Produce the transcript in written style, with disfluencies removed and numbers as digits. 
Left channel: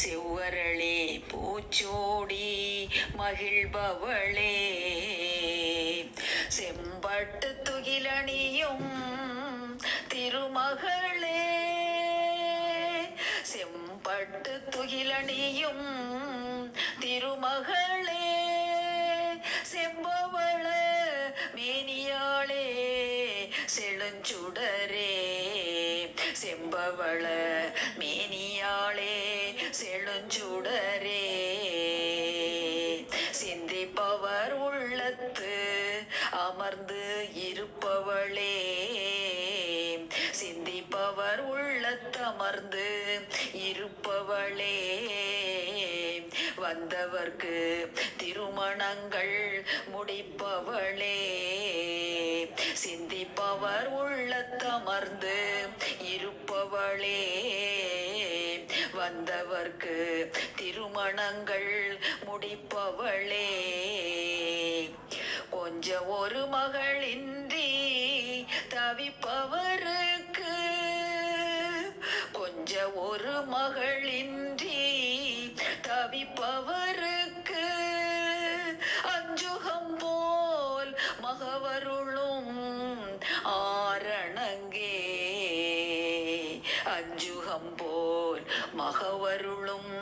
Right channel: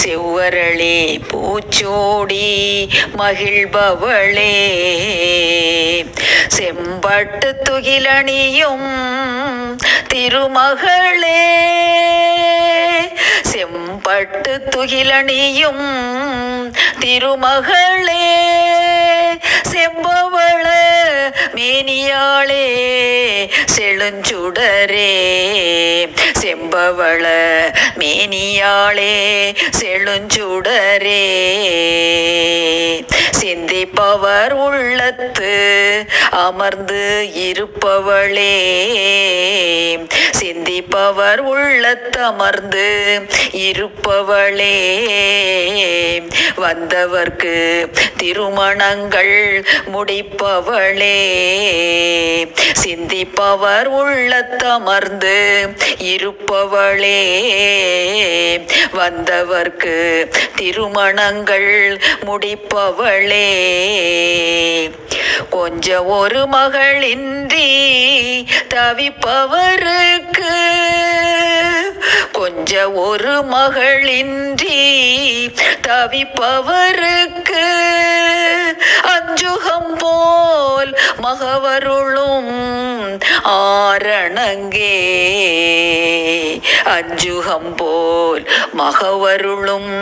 செவ்வரளே பூச்சோடி மகிழ்பவளே, செம்பட்டு துகிலணியும் திருமகளே, செம்பட்டு துகிலணியும் திருமகளே, செம்பவள மேனியாளே செழுஞ்சுடரே, செம்பவள மேனியாளே செழுஞ்சுடரே, சிந்திப்பவர் உள்ளத்து அமர்ந்து இருப்பவளே, சிந்திப்பவர் உள்ளத்து அமர்ந்து இருப்பவளே, வந்தவர்க்கு திருமணங்கள் முடிப்பவளே, சிந்திப்பவர் உள்ளத்தமர்ந்து இருப்பவளே, வந்தவர்க்கு திருமணங்கள் முடிப்பவளே, கொஞ்சம் ஒரு மகளின்றி தவிப்பவருக்கு, கொஞ்சம் ஒரு மகளின்றி தவிப்பவருக்கு, அஞ்சுகம் போல் மகவருளும் ஆரணங்கே, அஞ்சுகம் போல் மகவருளும்